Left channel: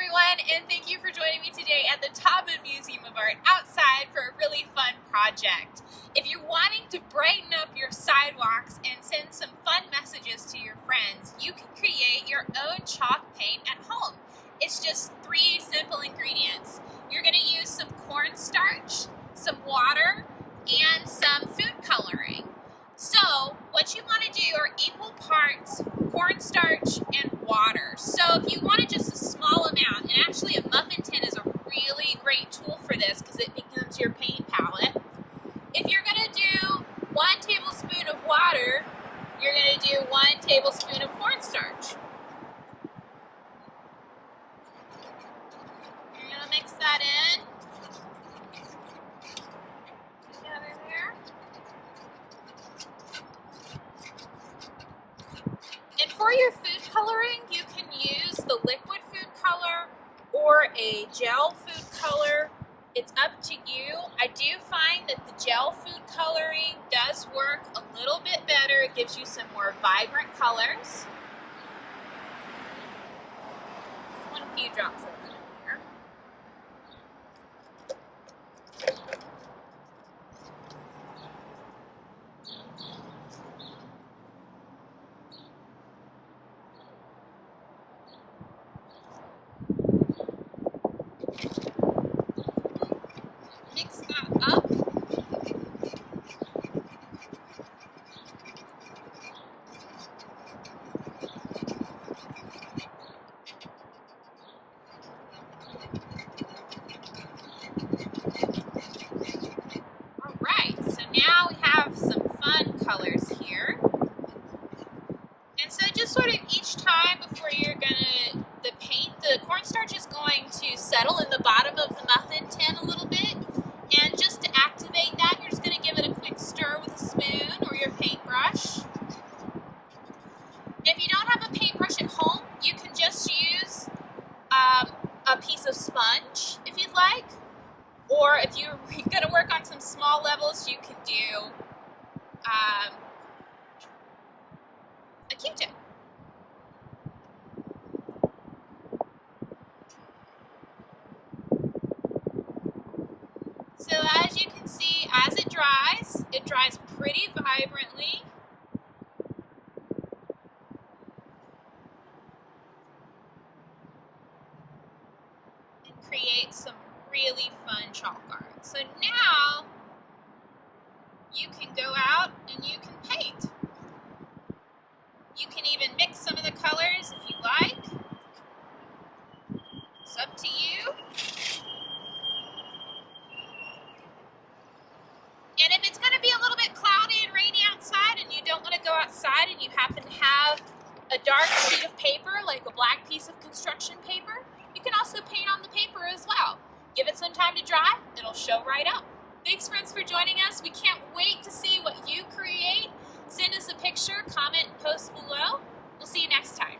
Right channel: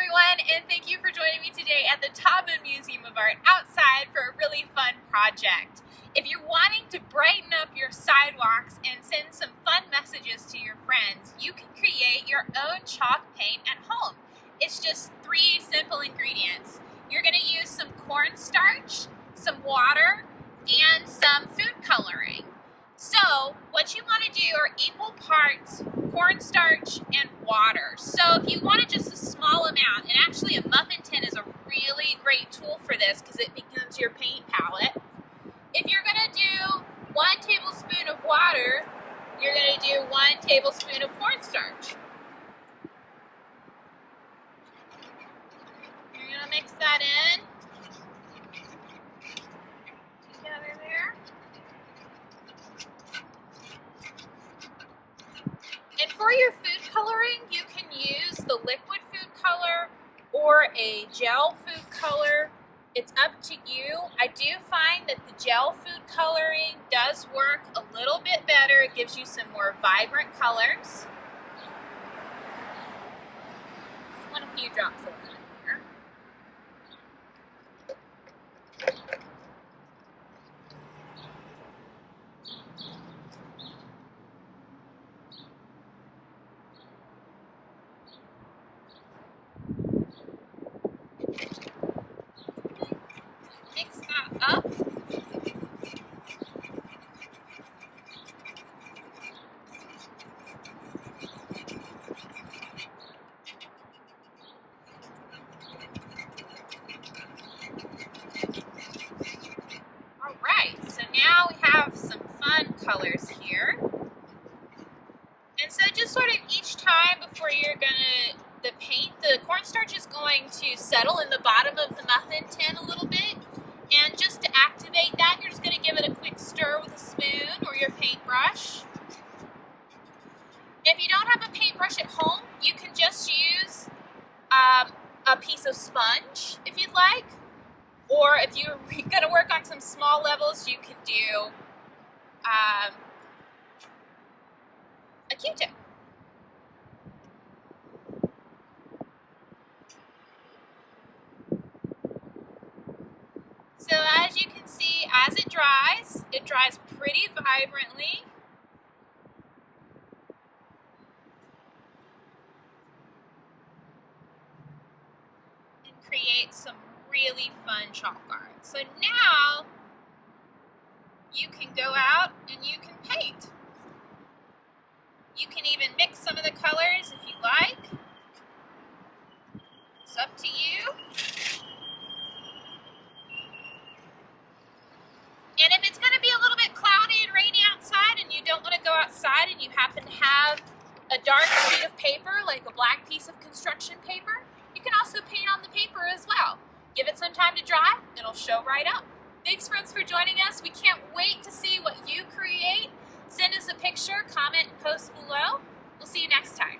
everyone, and thank you for joining me today at the Taubman Museum of Art outside for a really fun project. If you're wanting to brighten up your sidewalks and send some fun messages to your friends, you can create your own chalk paint at home. It's just 3 simple ingredients. You're going to use some cornstarch, some water, and some food coloring. So what you want to do are equal parts cornstarch and water. So if you wanted just a small amount, and actually a muffin tin is a really great tool for this because it becomes your paint palette. If you're going to do 1 tablespoon of water, you're going to do 1 tablespoon of cornstarch. You're going to mix that in together there. And for your food coloring, you can use the liquid food color or a gel food color. It's up to you. I do find that the gel food coloring does work a little bit better. It gives you some more vibrant colors. I want a few drops of it in here. Mix that up. All right, so now we have some fun colors here. And so just sort of each time before you're gonna, the cornstarch is going to settle in the bottom of the muffin tin a little bit. And just to activate that, you're just going to give it a quick stir with a spoon or your paintbrush. If you don't have a paintbrush at home, you can just use a piece of sponge if you'd like. Or if you're going to work on some small levels, you can do a Q-tip. So as you can see, as it dries pretty vibrantly. And create some really fun chalk art. So now you can go out and you can paint. You can even mix some of the colors if you like. It's up to you. And if it's going to be a little bit cloudy and rainy outside and you don't want to go outside and you happen to have a dark sheet of paper, like a black piece of construction paper, you can also paint on the paper as well. Give it some time to dry, it'll show right up. Thanks friends for joining us. We can't wait to see what you create. Send us a picture, comment, post below. We'll see you next time.